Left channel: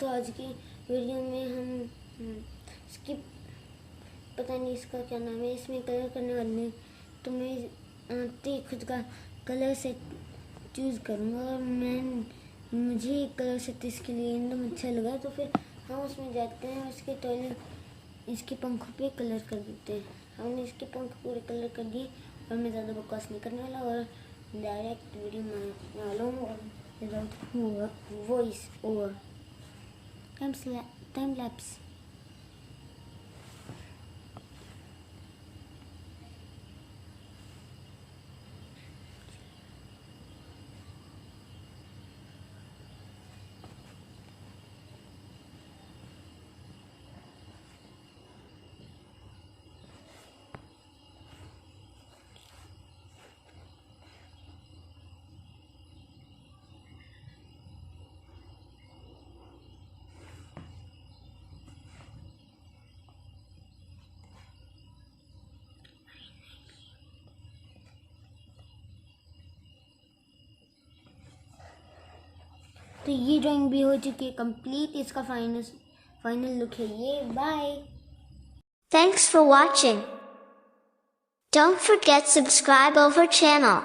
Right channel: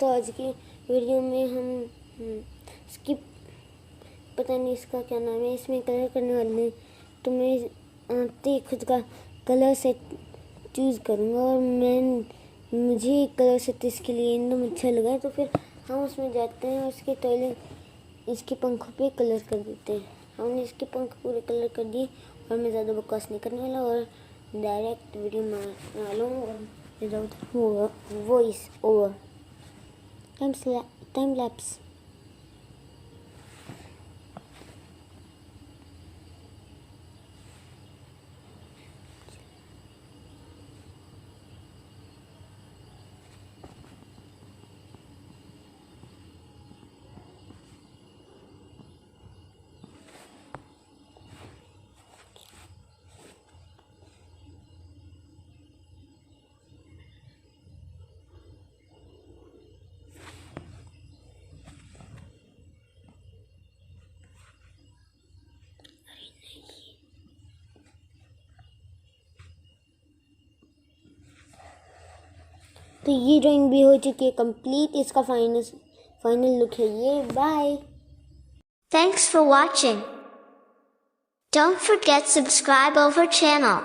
तो आज की वीडियो में हम स्किप पता नहीं इसका क्या नाम है, इसमें कलर करने वाले हैं। तो मैं खुद का कलर सेट चूज़ करूँगा और मुझे कलर सेट इसके लिए एकदम अच्छा लगा है। तो फिर हम उसमें जाते हैं, उसके टॉयलेट इसके पंखों पे कलर कर देते हैं। हमने इसके पंख पूरे कलर कर दिए और मैं ज़्यादा बकवास नहीं करने वाला और डायरेक्ट वीडियो बना लूँगा without voice over. Time lapse. तो ये ड्राइंग भी हो चुकी है कंप्लीट। इसका फाइनल लुक है ये। Bye. Thanks for watching. Don't forget subscribe our channel.